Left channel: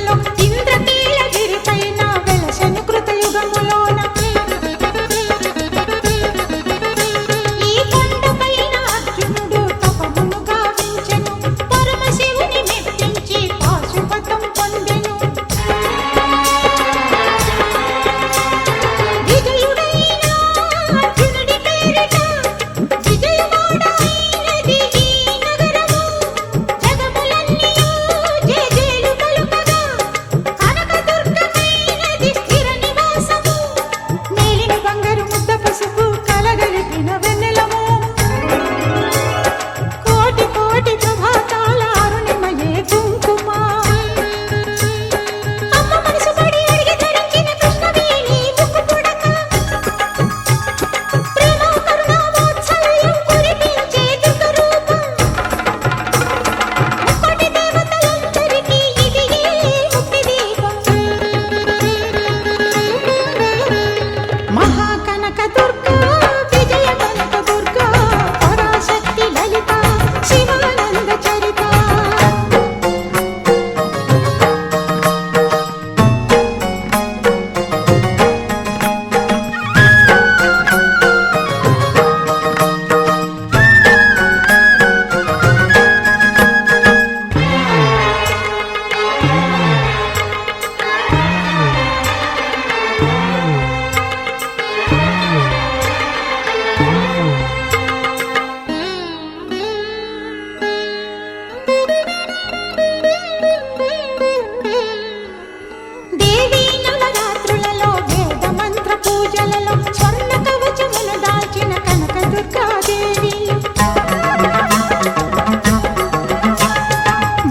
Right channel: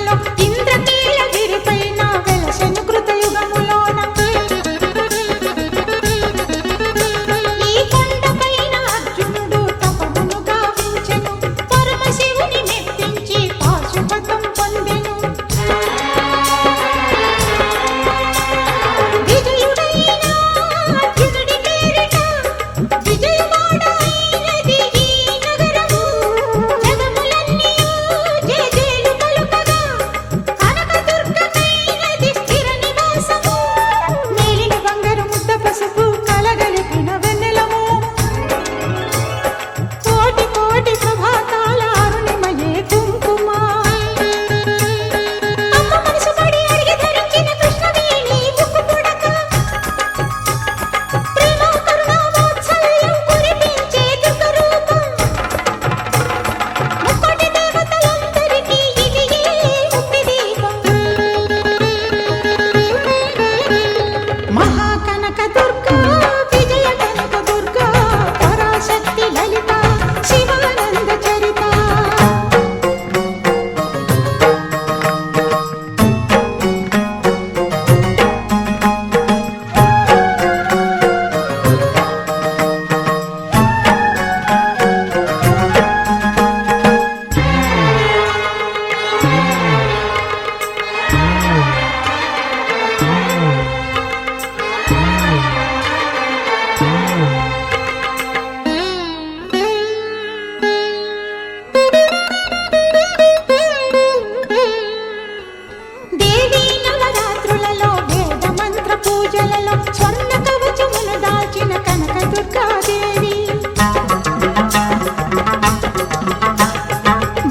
యుగముల్లో ఇంద్రకీలగిరి పైన వెలసెను కృతయుగములోన ఈ కొండ పైన అర్జునుడు తపమును గావించెను పరమశివుని మెప్పించి పాశుపతం పొందెను విజయుడైన అర్జునుడి పేరిట విజయవాడ అయినది ఈ నగరము జగములన్నీయు జేజేలు పలుకగా కనకదుర్గమైనది స్థిర నివాసము మేలిన బంగారు ముద్ద పసుపు కలగలిపిన వెన్నెలము కోటి కోటి ప్రభాతాల అరుణిమయే కుంకుమ అమ్మ మనసు పడి అడిగి ధరించిన కృష్ణవేణి ముక్కు పుడక ప్రేమ కరుణ వాత్సల్యం కురిపించే దుర్గ రూపం ముక్కోటి దేవతలందరికీ ఇది ఏ ముక్తి దీపం మహాకనక దుర్గా విజయ కనక దుర్గా పరాశక్తి లలిత శివానంద చరిత దేవీ నవరాత్రులలో వేద మంత్ర పూజలలో స్వర్ణ కవచమును దాల్చిన కనక దుర్గాదేవి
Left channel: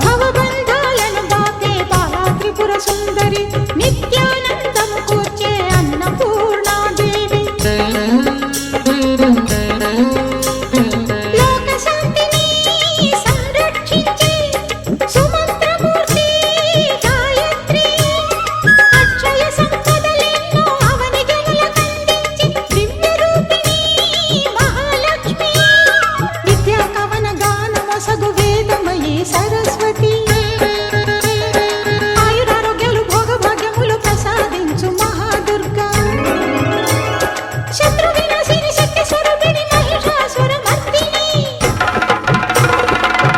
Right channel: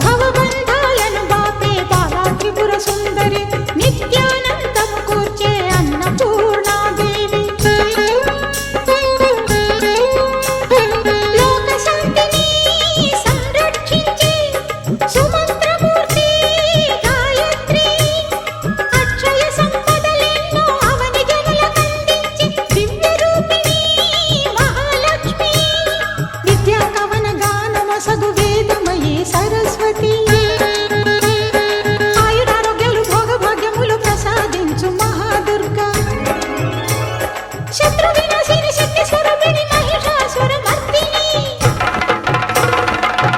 భవబంధాలను బాపే బాలా త్రిపుర సుందరి నిత్యానందము కూర్చే అన్నపూర్ణాదేవి లోక శాంతిని సంరక్షించే సుమంత్రమూర్తి గాయత్రి అక్షయ సంపదలెన్నో అవని జనులకందించి దివ్య రూపిణి మహాలక్ష్మి విద్యా కవన గానమొసగు వేదమయీ సరస్వతి ఆయురారోగ్యాలు భోగభాగ్యములు ప్రసాదించు మహాదుర్గా శత్రు వినాశిని శక్తి స్వరూపిణి మహిషాసుర మర్దిని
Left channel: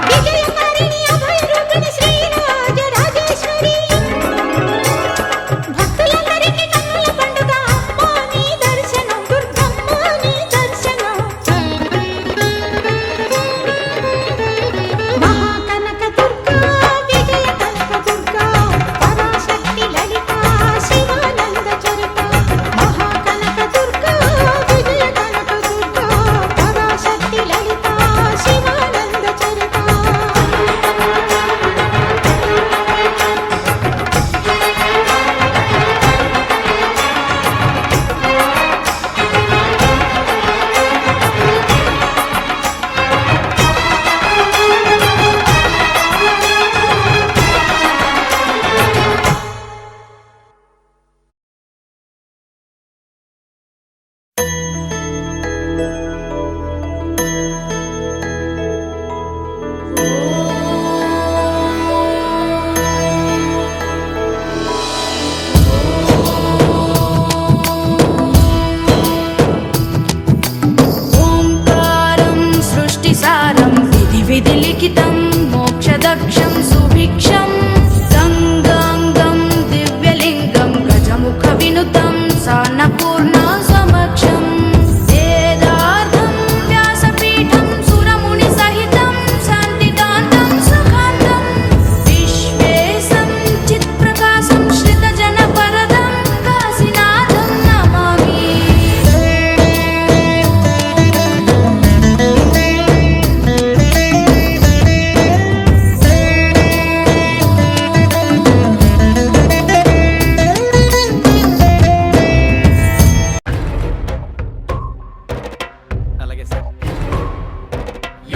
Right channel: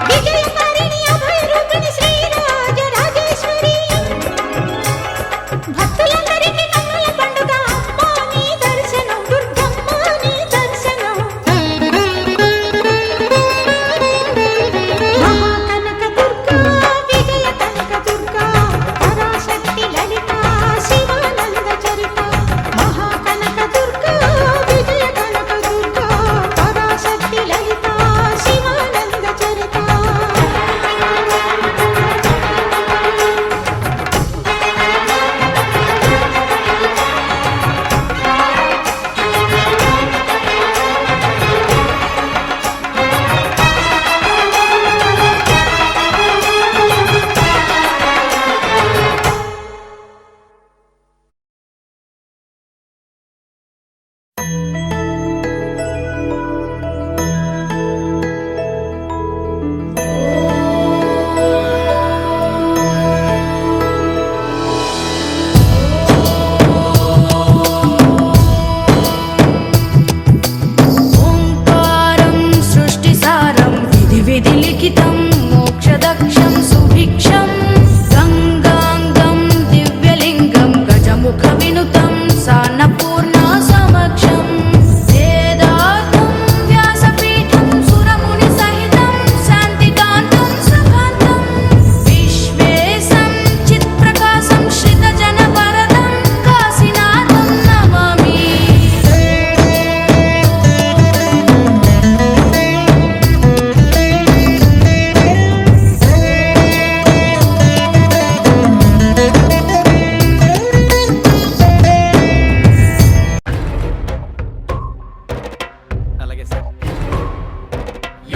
విజయకారిణి అభయ రూపిణి శ్రీరాజ రాజేశ్వరి భక్తులందరికీ కన్నుల పండుగ అమ్మ నీ దర్శనం దుర్గమ్మ నీ దర్శనం మహాకనక దుర్గా విజయ కనక దుర్గా పరాశక్తి లలిత శివానంద చరిత మహాకనక దుర్గా విజయ కనక దుర్గా పరాశక్తి లలిత శివానంద చరిత ఓంకారం సృష్టిసారం విధి విధి లిఖితం మోక్షదక్షం సుభిక్షం గంగాంగం దివ్యలింగం గజముఖ వినుతం సాన్నపూర్ణ సమక్షం వేదార్థం వ్యాసపీఠం సురముని సహితం శాంతికాంతం సుఖాంతం విశ్వేశం చిత్ప్రకాశం శ్రితజన వరదం కాశీనాథం నమామి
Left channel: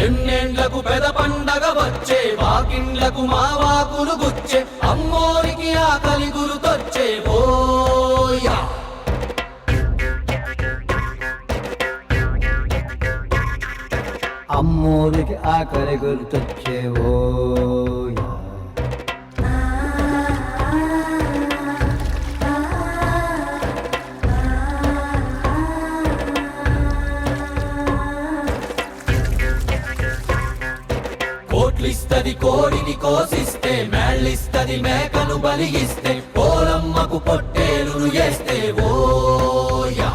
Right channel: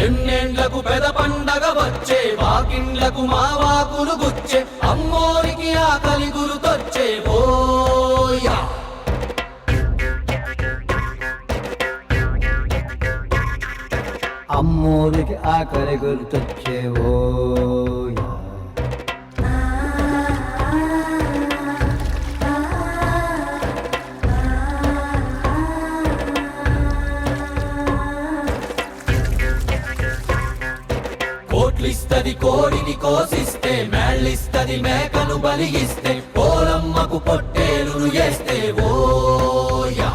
ఎన్నేండ్లకు పెద పండగ వచ్చే వాకిండ్లకు మా వాకులు గుచ్చే అమ్మోరికి ఆకలి గురుతొచ్చే ఓయా అమ్మోరికి ఆకలి గుర్తొచ్చేవో కోడిని కోసిస్తే మేళ్ళిస్తది మేకను బలిగిస్తే పోలమ్మకు పొట్టేలును చేస్తే ఓయా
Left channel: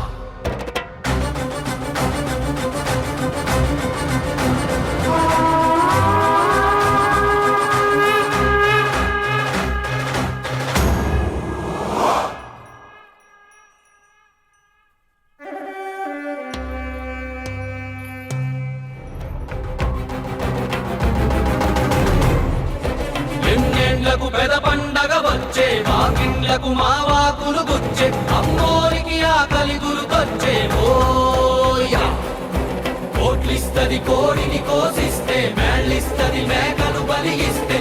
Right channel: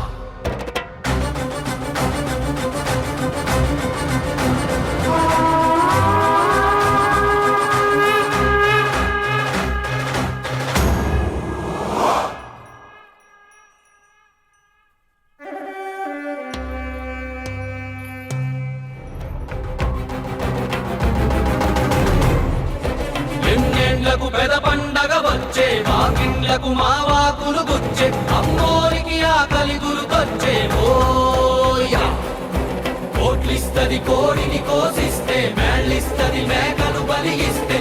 ఎన్నేళ్లకు పెద పండగ వచ్చే వాకిండ్లకు మావాకులు గుచ్చే అమ్మోరికి ఆకలి గురుకొచ్చే ఓయా కోట్లిస్తది కోడిని కోసిస్తే మేళ్ళిస్తది మేకను బలిగిస్తే